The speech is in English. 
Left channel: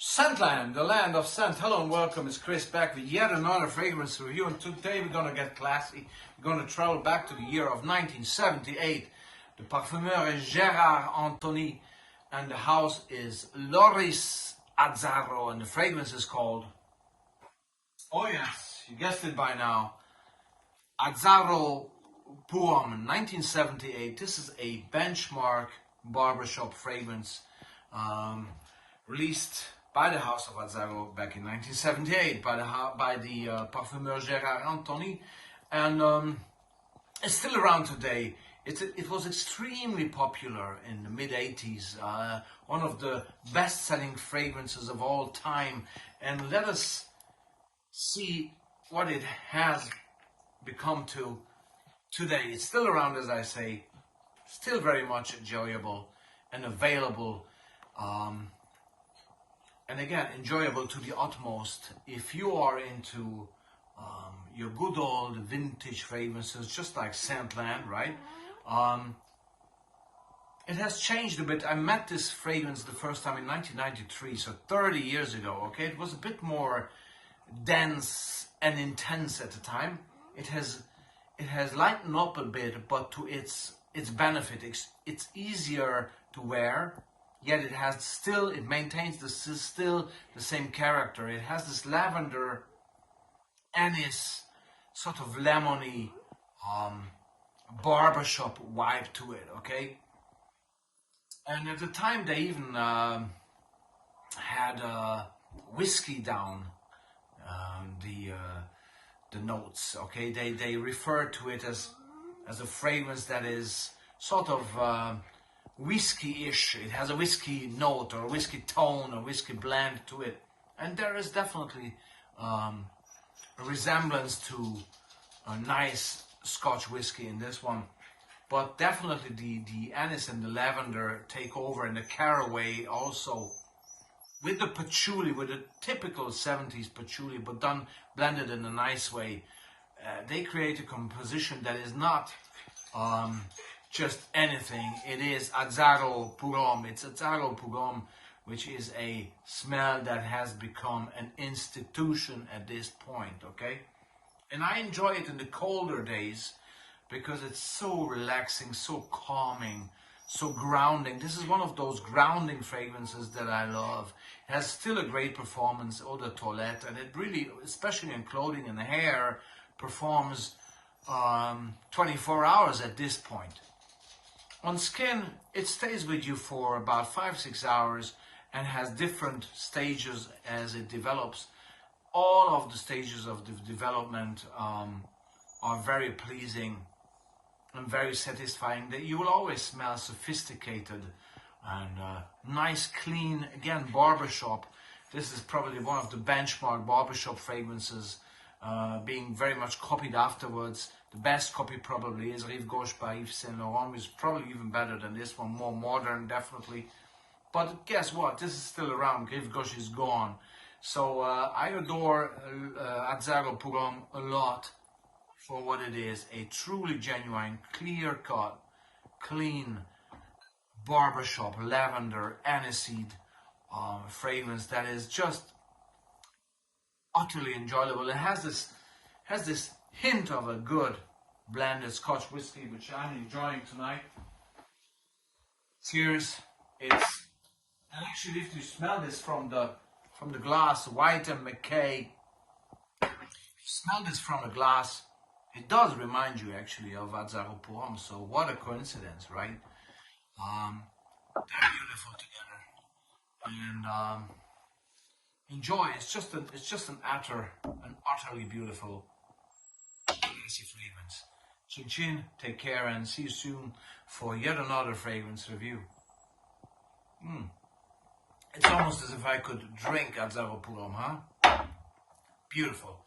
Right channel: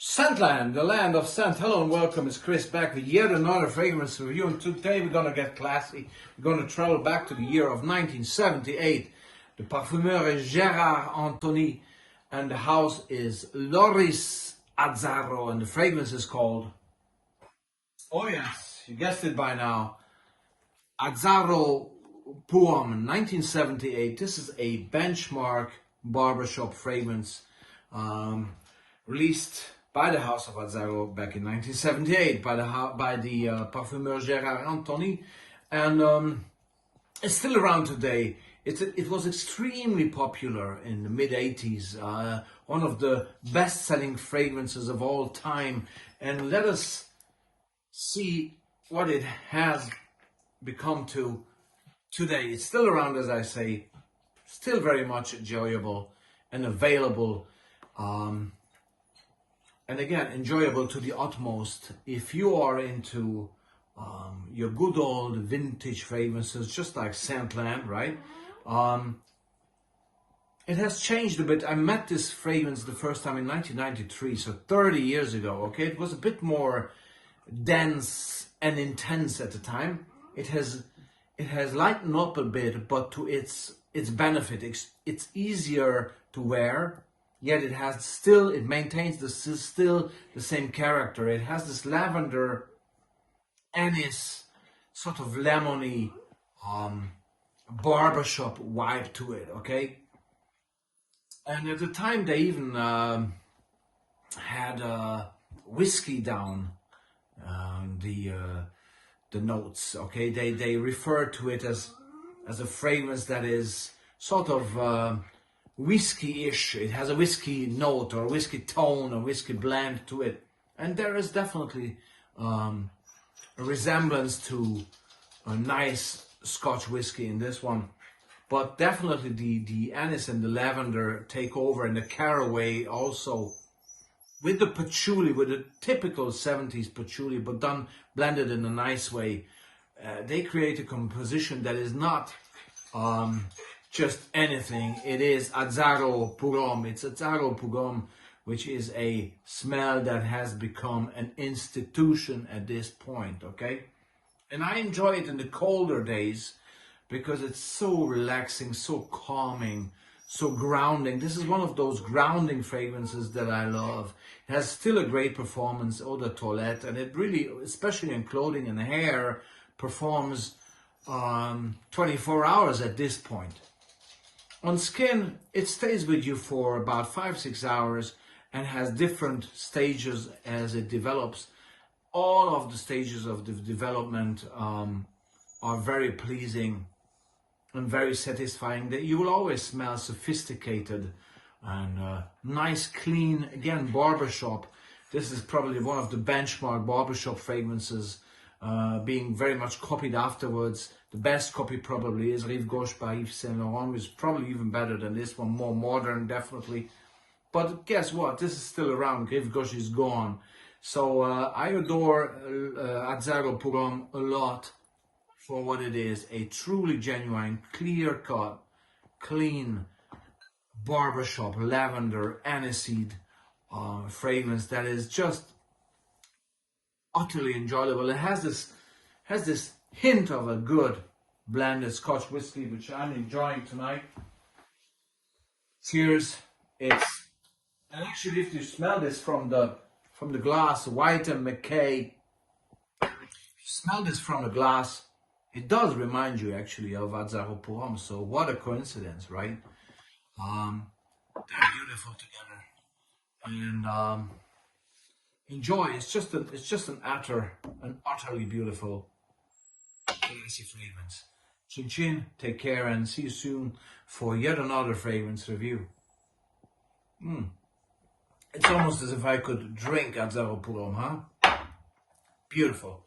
Scentland, the land of scent. Hello and welcome. It's Chris back with yet another fragrance review. And today we're going to get classy. We're going to travel back to the year of 1978. The parfumeur is Gérard Anthony and the house is Loris Azzaro. And the fragrance is called, oh yes, you guessed it by now, Azzaro Pour Homme, 1978. This is a benchmark barbershop fragrance released by the house of Azzaro back in 1978 by the parfumeur Gérard Anthony, and it's still around today. It was extremely popular in the mid-80s, one of the best-selling fragrances of all time, and let us see what it has become to today. It's still around, as I say, still very much enjoyable and available. And again, enjoyable to the utmost. If you are into your good old vintage fragrances, just like Scentland, right? It has changed a bit. I met this fragrance the first time in 1993, so 30 years ago, okay? It was a bit more dense and intense at the time. It has lightened up a bit, but to its benefit. It's easier to wear. Yet it maintains still the same character. It has this lavender, anise, sort of lemony barbershop vibe to it, okay? And at the time they even had whiskey down the notes, okay? They refer to it as a fragrance that is sort of whiskey-ish. It has a whiskey note or a whiskey tone or whiskey blend to it, and there is definitely a resemblance to a nice Scotch whiskey in this one, but definitely the anise and the lavender take over, and the caraway also, with the patchouli, with a typical 70s patchouli, but done blended in a nice way. They create a composition that is not just anything. It is Azzaro Pour Homme. It's Azzaro Pour Homme, which is a smell that has become an institution at this point, okay? And I enjoy it in the colder days because it's so relaxing, so calming, so grounding. This is one of those grounding fragrances that I love. It has still a great performance, eau de toilette, and it really, especially in clothing and hair, performs 24 hours at this point. On skin, it stays with you for about 5-6 hours and has different stages as it develops. All of the stages of the development are very pleasing and very satisfying. That you will always smell sophisticated and nice, clean, again, barbershop. This is probably one of the benchmark barbershop fragrances, being very much copied afterwards. The best copy probably is Rive Gauche by Yves Saint Laurent, which is probably even better than this one, more modern, definitely. But guess what? This is still around. Rive Gauche is gone. So I adore Azzaro Pour Homme a lot for what it is. A truly genuine, clear-cut, clean barbershop, lavender, aniseed fragrance that is just utterly enjoyable. It has this hint of a good blended Scotch whiskey, which I'm enjoying tonight. Cheers! And actually, if you smell this from the glass, White and McKay, if you smell this from the glass, it does remind you actually of Azzaro Pour Homme. So what a coincidence, right? They're beautiful together, and enjoy. It's just an utterly beautiful, classy fragrance. Chin chin, take care, and see you soon for yet another fragrance review. It's almost as if I could drink Azzaro Pour Homme, huh? Beautiful.